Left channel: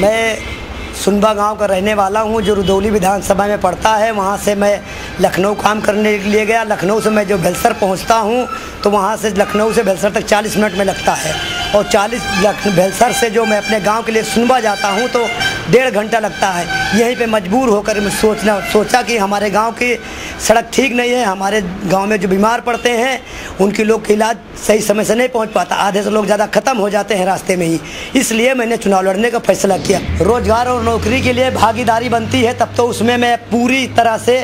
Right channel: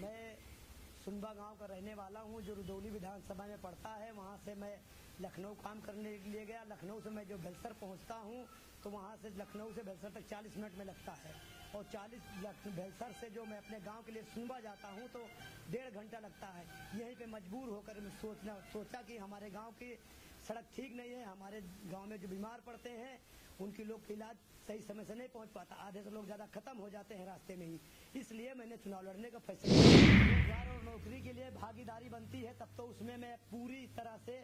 मैं सुनबा गांव का रहने वाला हूं, जो रुदौली विधानसभा में पड़ता है। वहां से मैं लखनऊ काम करने के लिए गया। लखनऊ से मैं जो बेलसर पहुंचता हूं तो वहां से लखनऊ से बेलसर तक 40 मिनट में लगता है, और बेलसर से जो मैं अपने गांव के लिए सुनबा जाता हूं तो 1.5 घंटा लगता है। यहीं पे मजबूर होकर मैं सोचा कि हमारे गांव की सड़क ठीक नहीं है। हमारे गांव में जो बीमार पड़ते हैं उनके लोग का इलाज सही समय से नहीं पहुंच पाता, आधे से लोग ज़्यादा ख़त्म हो जाते हैं रास्ते में ही। इसलिए मैंने चुनाव लड़ने का फैसला किया। रोज़गार और नौकरी के लिए भागीदारी बनती है, तब तो उसमें मैं पूरी तरह से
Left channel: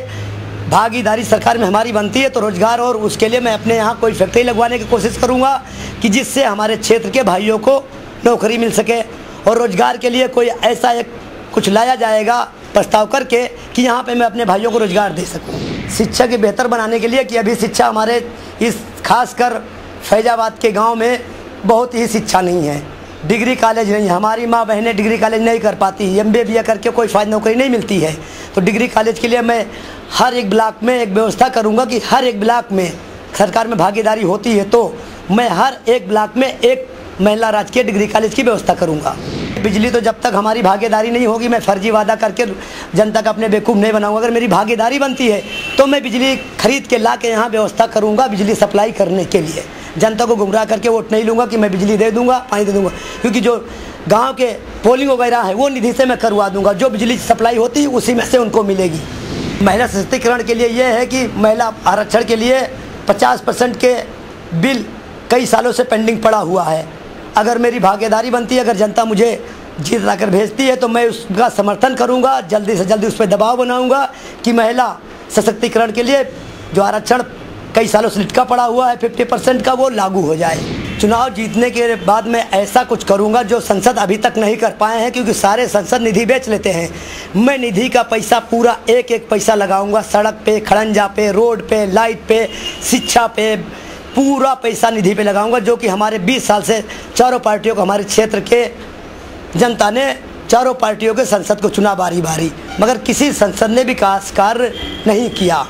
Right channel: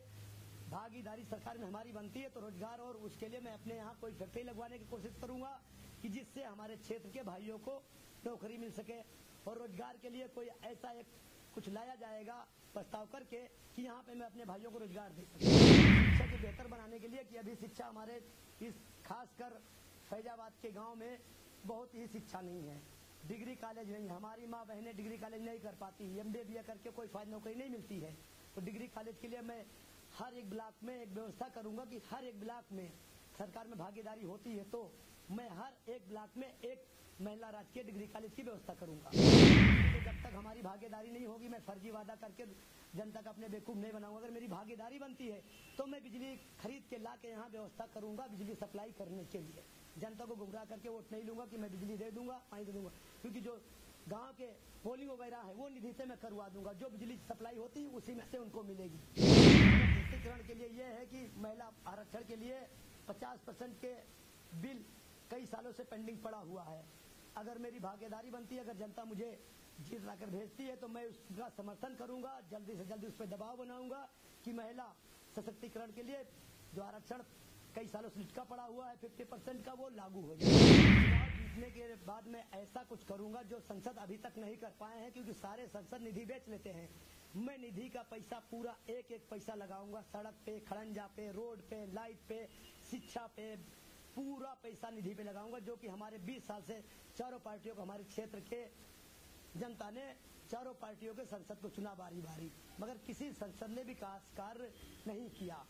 भागीदारी सरकार में हमारी बनती है। तो रोज़गार और उसके लिए मैं अपने यहाँ कोई फैक्ट्री लगवाने की कोशिश करूँगा कि जिससे हमारे क्षेत्र के भाइयों को नौकरी मिल सके, और रोज़गार के लिए कोई ऐसा एक कुछ लाया जाएगा प्रस्ताव करके कि यहाँ पे मैं अपने भाइयों को रोज़गार दे सकूँ। शिक्षा के बेहतर बनाने के लिए कि अभी शिक्षा हमारे इस खासकर फैजाबाद के गांव में बहुत ही शिक्षा नहीं है, डिग्री कॉलेज नहीं है। हमारी माँ बहनें डिग्री कॉलेज नहीं कर पाती, MBA BA करके कोई फ़ायदा नौकरी नहीं मिलती है। तो डिग्री कॉलेज के लिए मैं हर एक ब्लॉक में एक व्यवस्था करूँगा कि हर एक ब्लॉक में सरकार में भागीदारी होती है तो मैं हर एक ब्लॉक में एक महिला राजकीय डिग्री कॉलेज की व्यवस्था करूंगा। बिजली तो जब तक हमारी भागीदारी नहीं होगी, मैं फर्जी वादा करके जनता का अपने बेवकूफ़ नहीं बनाऊंगा। अगर मेरी भागीदारी बनती है तो मैं बिजली खरीद के ला के यहाँ व्यवस्था करूंगा बिजली सप्लाई करने के लिए। जनता को गुमराह करके वोट नहीं लूँगा कि मैं बिजली दे दूँगा, पानी दे दूँगा, क्योंकि जो गाँव के पोलिंग वगैरह है वो निधि से मैं करवा दूँगा। जो बिजली सप्लाई होती है उसी में से उनको मिलेगी। महिला सशक्तिकरण के लिए ये है कि महिला आरक्षण के लिए 50% के बिल कई सालों से पेंडिंग पड़ा हुआ है। अगर मेरी भागीदारी बनती है, अगर जनता मुझे जीत लाकर भेजती है तो मैं उसका समर्थन करूंगा, जल्दी से जल्दी उस पर दबाव बनाऊंगा कि महिला सशक्तिकरण के लिए जो आरक्षण कई सालों से लटका पड़ा हुआ है 50% का, वो लागू हो जाए। चुनाव जीतने के बाद मैं ऐसा कुछ करूंगा जो संसद अभी तक नहीं कर पाए हैं, क्योंकि सारे संसद निधि बेच लेते हैं। मैं निधि का पैसा पूरा एक एक पैसा लगाऊंगा, सड़क पे, खड़ंजा पे, रोड पे, लाइट पे, शिक्षा पे, पूरा पैसा निधि पे लगाऊंगा। जो कि हमारे 20 साल से चारों पार्टियों को, हमारे क्षेत्र के जनता ने चारों पार्टियों के संसद को चुना बारी बारी, मगर किसी संसद ने विकास कार्य नहीं किया।